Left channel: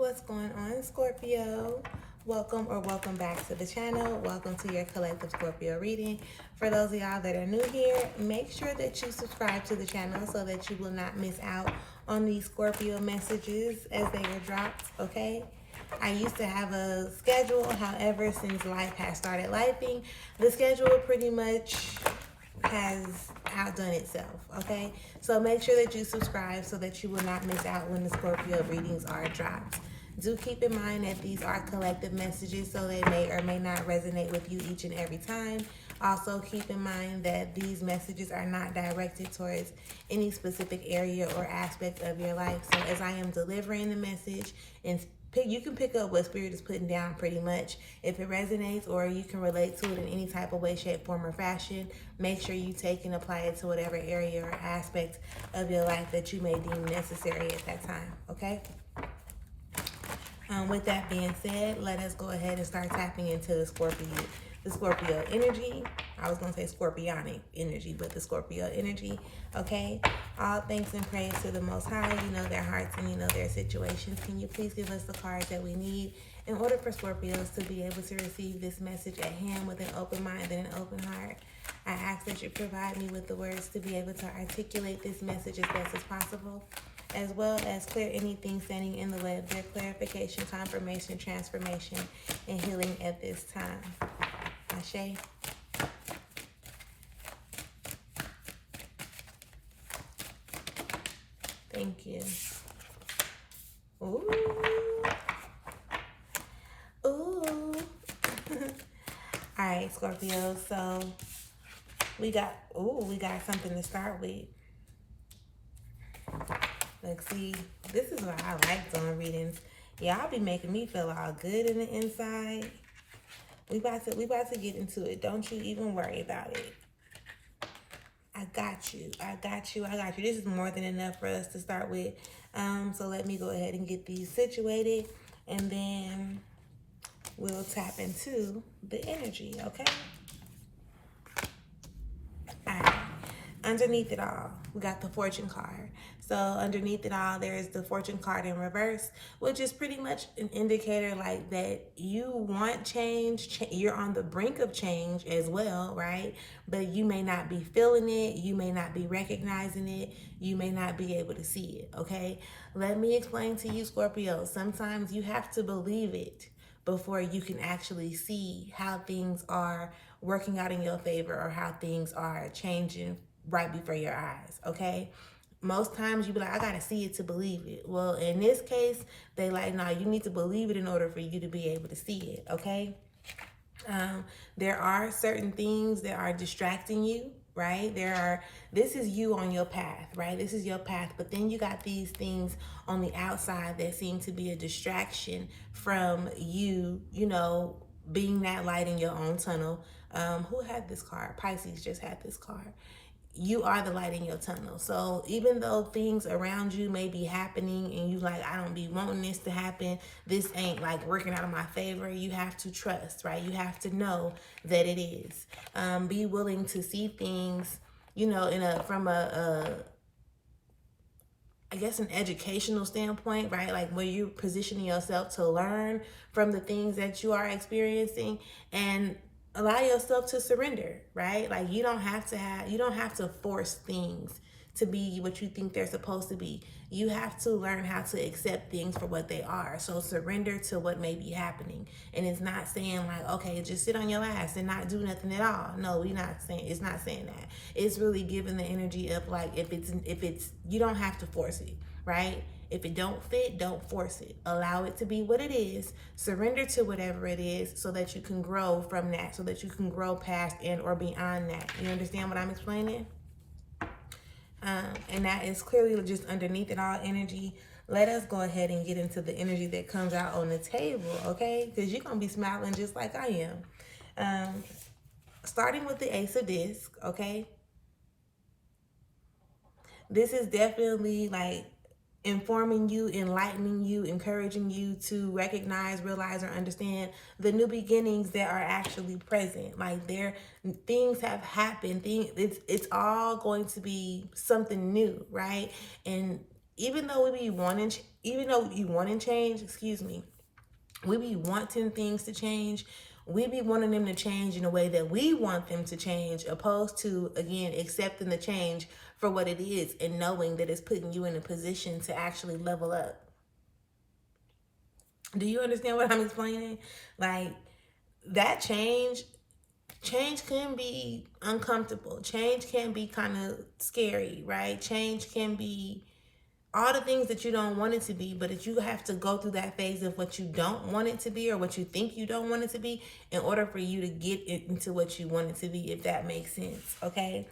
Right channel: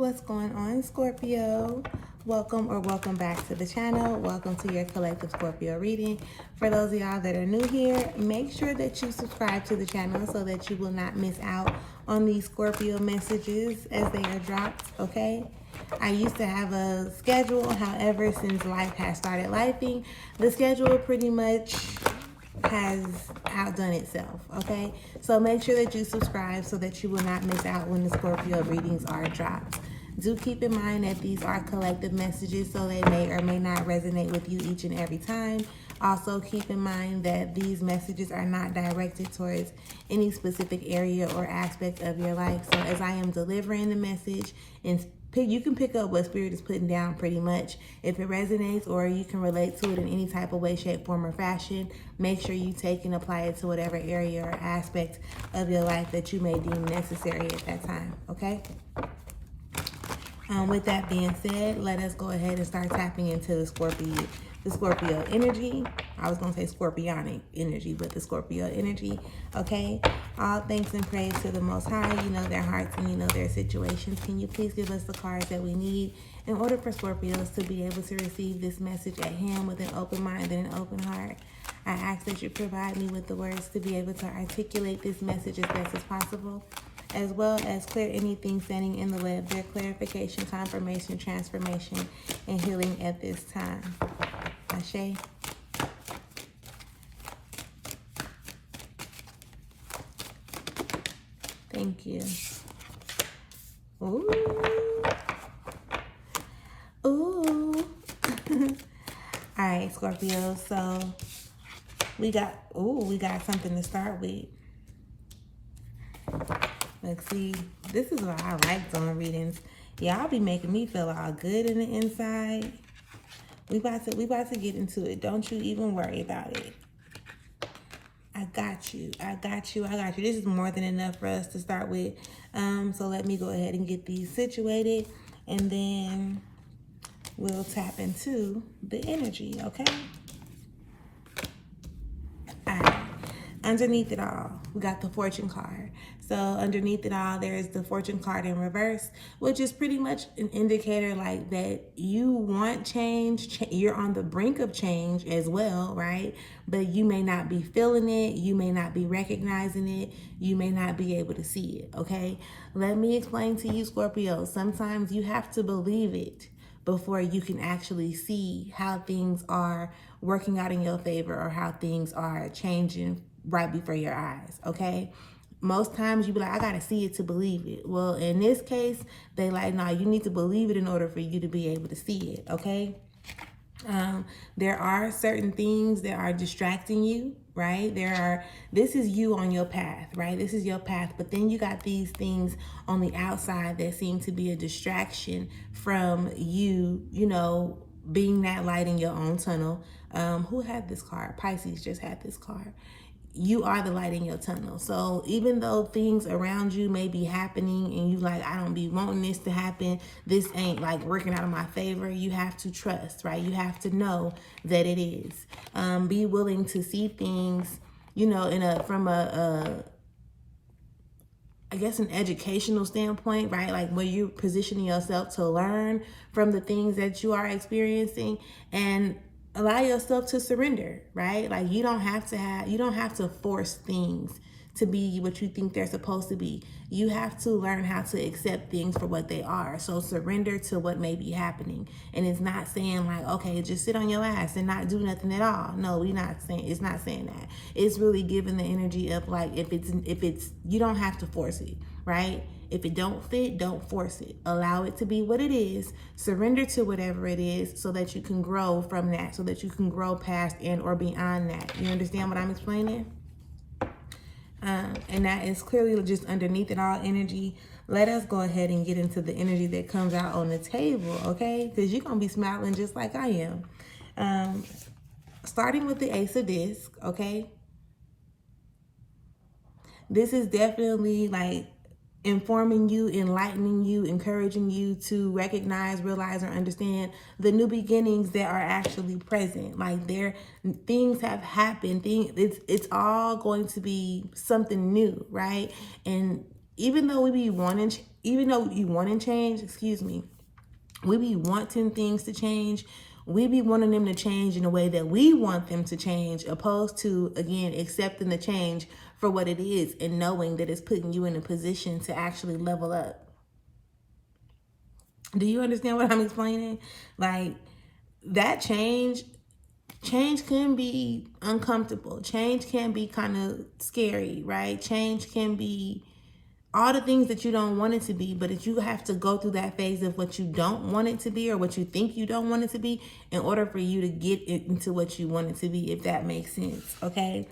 What's going on, Scorpio? Welcome back to the channel. Welcome to your collective Scorpio reading. For those of y'all that are new here, make sure that you subscribe to the channel so that you will not miss out on these Scorpio messages as they are dropped, okay? I used to have a schedule, however, since life has started lifing, the schedule pretty much has outdone itself, okay? So make sure that you subscribe so that you will not miss out when the Scorpio readings are dropped. Do keep in mind that these are collective messages, so they may or may not resonate with you each and every time. Also, keep in mind that these messages are not directed towards any specific area or aspect of your life. So as I am delivering the message, and you can pick up what Spirit is putting down pretty much. If it resonates or you can relate to it in any type of way, shape, form, or fashion, make sure you take and apply it to whatever area or aspect of your life that you may deem necessary at that time, okay? With that being said, let us go ahead and start tapping into the Scorpio energy. I was going to say scorpionic energy, but the Scorpio energy, okay? All thanks and praise to the Most High. You know their hearts and you know their situations. Can you please give us the cards that we need in order for Scorpios to be able to receive this message at hand with an open mind and an open heart? I ask that you provide me with the words to be able to articulate this message as best as possible, as well as clear anything standing in the way of their clarification, confirmation, transformation, and healing at this time. Ashe. Thank you. Ooh. Ooh. All right, Scorpio. So we got something to start with. Like, see, this is what I like doing readings. Y'all be making me feel all good in the inside. We about to get into it. Don't you even worry about it. I got you. This is more than enough for us to start with. So let me go ahead and get these situated, and then we'll tap into the energy, okay? All right. Underneath it all, we got the fortune card. So underneath it all, there is the fortune card in reverse, which is pretty much an indicator like that you want change. You're on the brink of change as well, right? But you may not be feeling it. You may not be recognizing it. You may not be able to see it, okay? Let me explain to you, Scorpio. Sometimes you have to believe it before you can actually see how things are working out in your favor or how things are changing right before your eyes, okay? Most times you be like, I gotta see it to believe it. Well, in this case, they like, no, you need to believe it in order for you to be able to see it, okay? There are certain things that are distracting you, right? This is you on your path, right? This is your path, but then you got these things on the outside that seem to be a distraction from you, you know, being that light in your own tunnel. Who had this card? Pisces just had this card. You are the light in your tunnel. So even though things around you may be happening and you like, I don't be wanting this to happen, this ain't like working out in my favor, you have to trust, right? You have to know that it is. Be willing to see things, you know, from I guess an educational standpoint, right? Like where you're positioning yourself to learn from the things that you are experiencing, and allow yourself to surrender, right? Like you don't have to force things to be what you think they're supposed to be. You have to learn how to accept things for what they are. So surrender to what may be happening. And it's not saying like, okay, just sit on your ass and not do nothing at all. No, it's not saying that. It's really giving the energy of like, if it's, you don't have to force it, right? If it don't fit, don't force it. Allow it to be what it is. Surrender to whatever it is so that you can grow from that, so that you can grow past and or beyond that. You understand what I'm explaining? And that is clearly just underneath it all energy. Let us go ahead and get into the energy that comes out on the table, okay? Because you're going to be smiling just like I am. Starting with the Ace of Discs, okay? This is definitely like informing you, enlightening you, encouraging you to recognize, realize, or understand the new beginnings that are actually present. Like things have happened. It's all going to be something new, right? And even though you wanting change, we be wanting things to change. We be wanting them to change in a way that we want them to change, opposed to, again, accepting the change for what it is and knowing that it's putting you in a position to actually level up. Do you understand what I'm explaining? Like, that change can be uncomfortable. Change can be kind of scary, right? Change can be all the things that you don't want it to be, but if you have to go through that phase of what you don't want it to be or what you think you don't want it to be in order for you to get it into what you want it to be, if that makes sense, okay?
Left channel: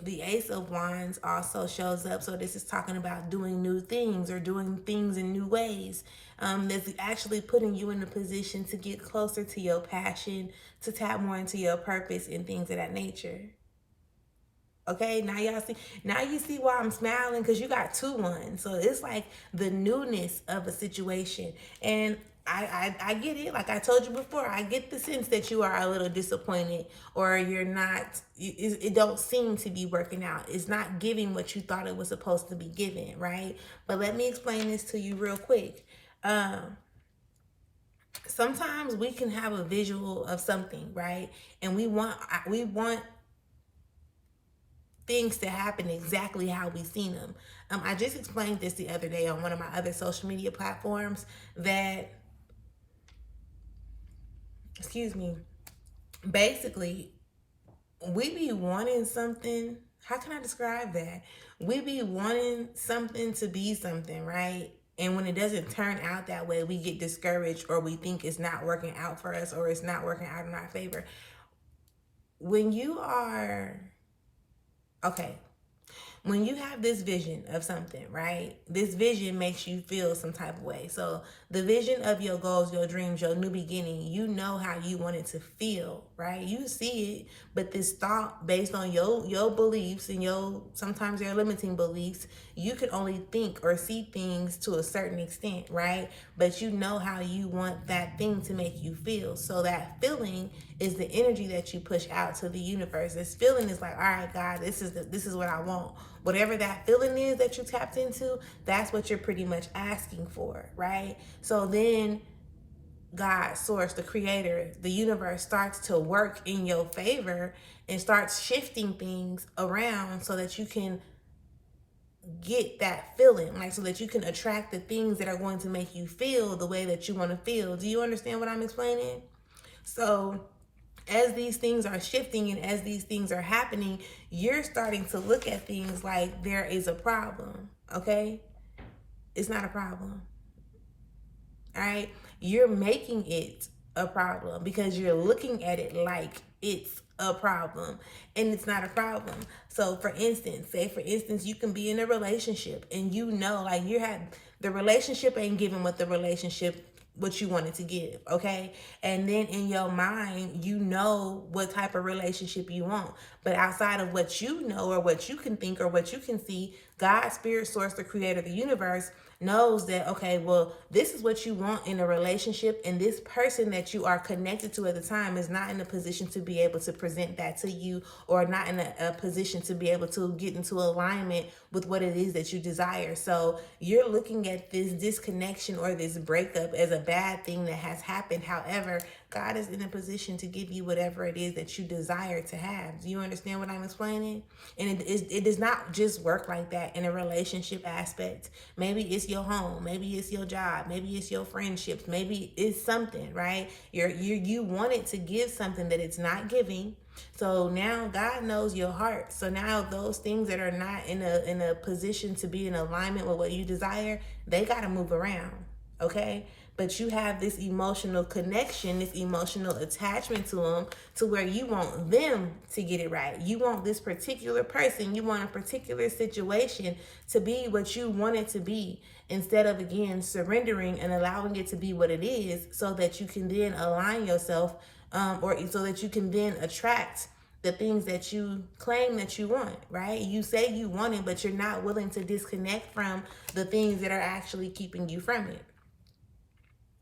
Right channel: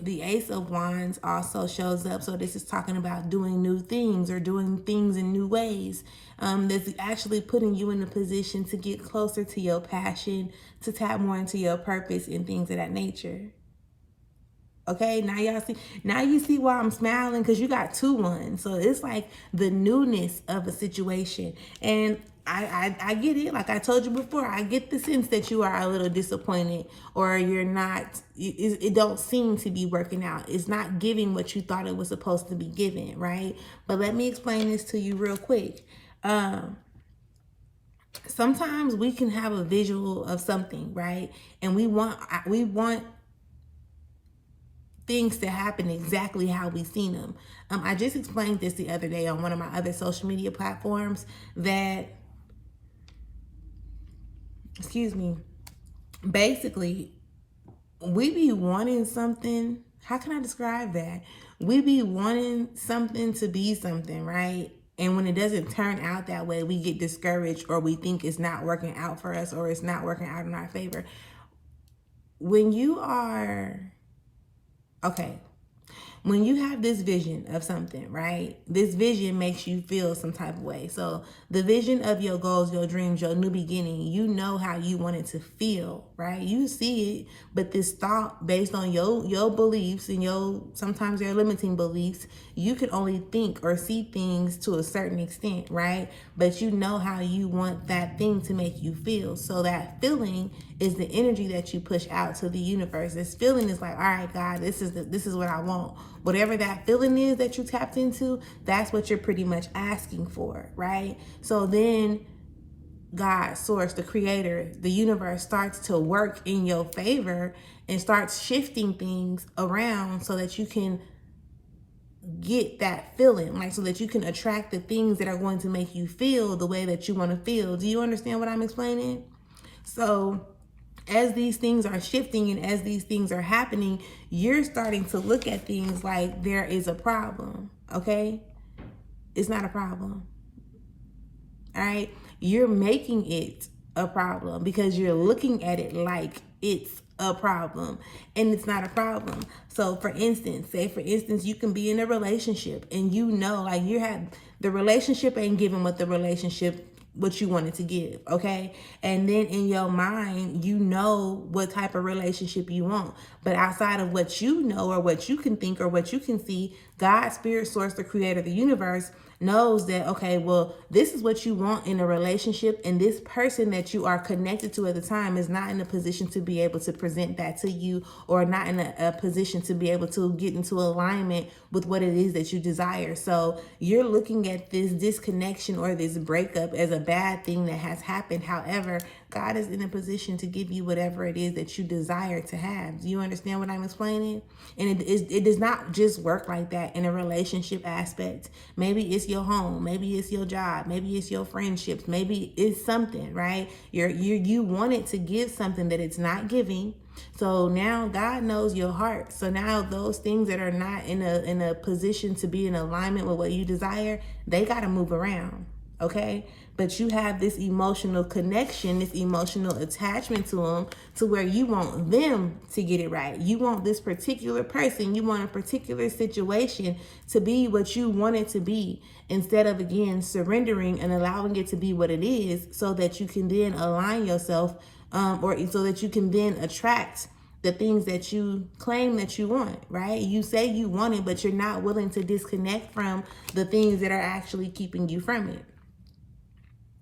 The Ace of Wands also shows up. So this is talking about doing new things or doing things in new ways. That's actually putting you in a position to get closer to your passion, to tap more into your purpose and things of that nature. Okay, now you see why I'm smiling, because you got 2 ones. So it's like the newness of a situation. And I get it. Like I told you before, I get the sense that you are a little disappointed, or you're not, it don't seem to be working out. It's not giving what you thought it was supposed to be giving, right? But let me explain this to you real quick. Sometimes we can have a visual of something, right? And we want things to happen exactly how we seen them. I just explained this the other day on one of my other social media platforms that, basically, we be wanting something. How can I describe that? We be wanting something to be something, right? And when it doesn't turn out that way, we get discouraged, or we think it's not working out for us, or it's not working out in our favor. When you have this vision of something, right? This vision makes you feel some type of way. So the vision of your goals, your dreams, your new beginning, you know how you want it to feel, right? You see it, but this thought based on your beliefs and sometimes your limiting beliefs, you can only think or see things to a certain extent, right? But you know how you want that thing to make you feel. So that feeling is the energy that you push out to the universe. This feeling is like, all right, God, this is what I want. Whatever that feeling is that you tapped into, that's what you're pretty much asking for, right? So then God, source, the creator, the universe starts to work in your favor and starts shifting things around so that you can get that feeling, like so that you can attract the things that are going to make you feel the way that you want to feel. Do you understand what I'm explaining? So as these things are shifting and as these things are happening, you're starting to look at things like there is a problem, okay? It's not a problem, all right? You're making it a problem because you're looking at it like it's a problem, and it's not a problem. So for instance, you can be in a relationship and like the relationship ain't giving what you wanted to give, okay? And then in your mind, you know what type of relationship you want. But outside of what you know or what you can think or what you can see, God, spirit, source, the creator of the universe, knows that, okay, well, this is what you want in a relationship, and this person that you are connected to at the time is not in a position to be able to present that to you, or not in a position to be able to get into alignment with what it is that you desire. So you're looking at this disconnection or this breakup as a bad thing that has happened. However, God is in a position to give you whatever it is that you desire to have. Do you understand what I'm explaining? And it does not just work like that in a relationship aspect. Maybe it's your home, maybe it's your job, maybe it's your friendships, maybe it's something, right? You want it to give something that it's not giving. So now God knows your heart. So now those things that are not in a position to be in alignment with what you desire, they got to move around, okay? But you have this emotional connection, this emotional attachment to them, to where you want them to get it right. You want this particular person, you want a particular situation to be what you want it to be, instead of, again, surrendering and allowing it to be what it is, so that you can then align yourself, or so that you can then attract the things that you claim that you want, right? You say you want it, but you're not willing to disconnect from the things that are actually keeping you from it,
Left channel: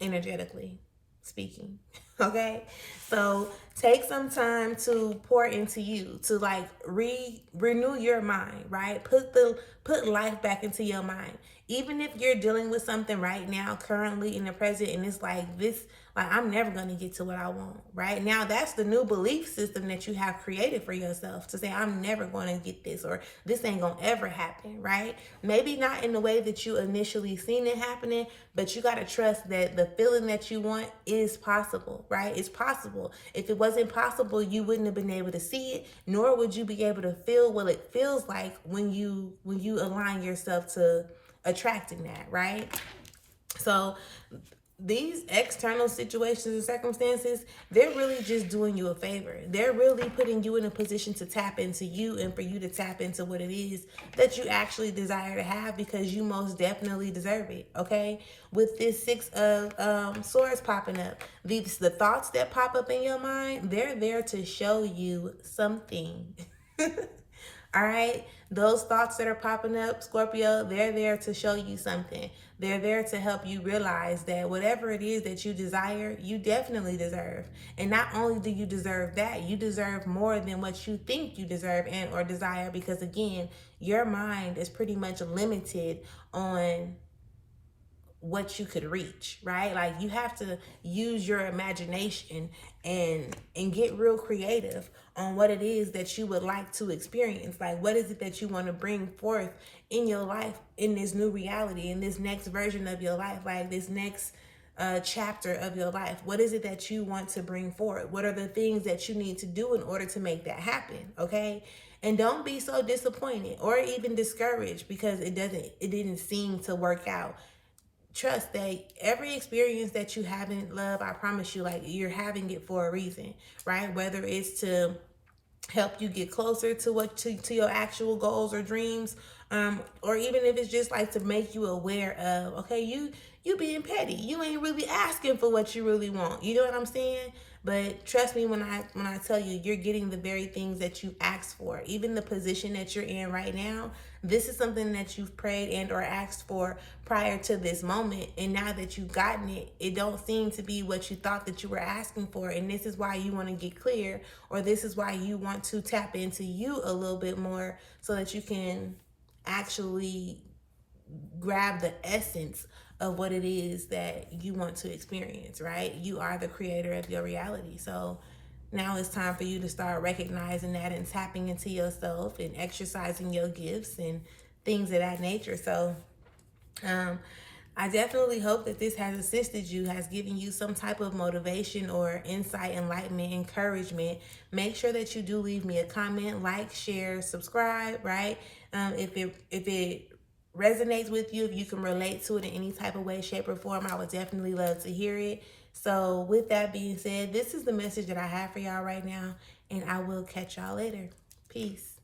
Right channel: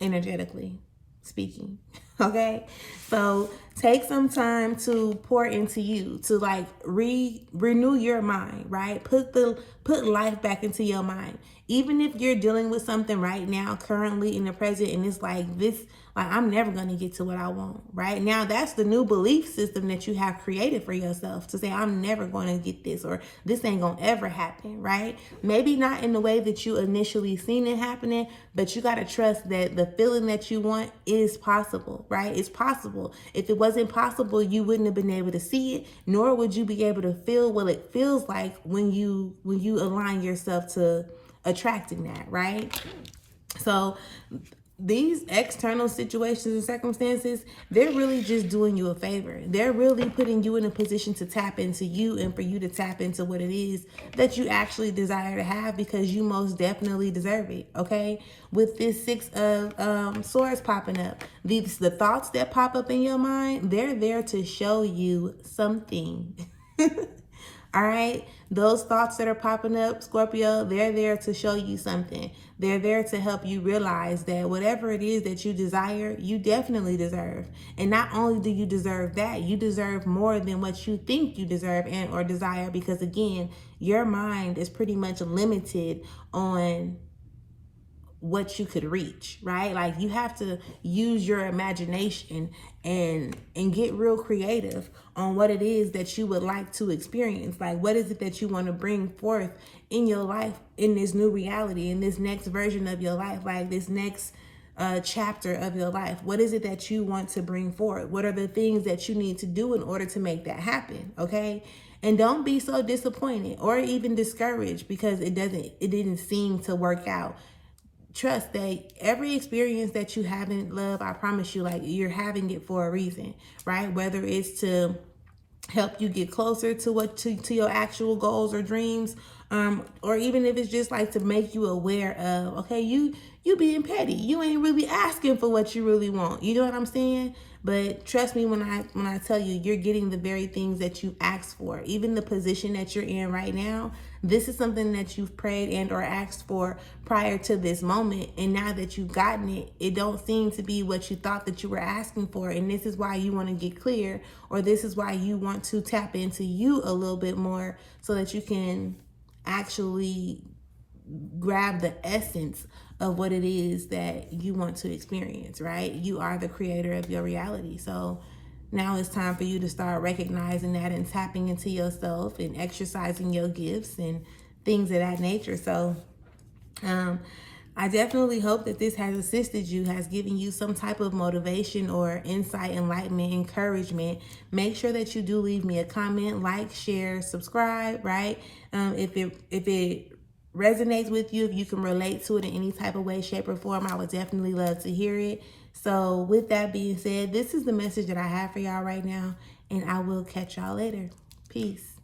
energetically speaking. Okay, so take some time to pour into you, to like renew your mind, right? Put life back into your mind. Even if you're dealing with something right now, currently in the present, and it's like this, like I'm never gonna get to what I want, right? Now that's the new belief system that you have created for yourself, to say I'm never gonna get this, or this ain't gonna ever happen, right? Maybe not in the way that you initially seen it happening, but you gotta trust that the feeling that you want is possible, right? It's possible. If it wasn't possible, you wouldn't have been able to see it, nor would you be able to feel what it feels like when you align yourself to attracting that, right? So these external situations and circumstances, they're really just doing you a favor. They're really putting you in a position to tap into you, and for you to tap into what it is that you actually desire to have, because you most definitely deserve it. Okay, with this Six of Swords popping up, the thoughts that pop up in your mind, they're there to show you something. All right, those thoughts that are popping up, Scorpio, they're there to show you something. They're there to help you realize that whatever it is that you desire, you definitely deserve. And not only do you deserve that, you deserve more than what you think you deserve and or desire, because again, your mind is pretty much limited on what you could reach, right? Like you have to use your imagination and get real creative on what it is that you would like to experience. Like what is it that you want to bring forth in your life, in this new reality, in this next version of your life, like this next chapter of your life? What is it that you want to bring forward? What are the things that you need to do in order to make that happen? Okay, and don't be so disappointed or even discouraged because it didn't seem to work out. Trust that every experience that you have in love, I promise you, like you're having it for a reason, right? Whether it's to help you get closer to your actual goals or dreams, or even if it's just like to make you aware of, okay, you being petty, you ain't really asking for what you really want. You know what I'm saying? But trust me when I tell you, you're getting the very things that you asked for. Even the position that you're in right now, this is something that you've prayed and or asked for prior to this moment, and now that you've gotten it, it don't seem to be what you thought that you were asking for. And this is why you want to get clear, or this is why you want to tap into you a little bit more, so that you can actually grab the essence of what it is that you want to experience, right? You are the creator of your reality. So now it's time for you to start recognizing that and tapping into yourself and exercising your gifts and things of that nature. So I definitely hope that this has assisted you, has given you some type of motivation or insight, enlightenment, encouragement. Make sure that you do leave me a comment, like, share, subscribe, right? If it resonates with you, if you can relate to it in any type of way, shape, or form, I would definitely love to hear it. So with that being said, this is the message that I have for y'all right now, and I will catch y'all later. Peace.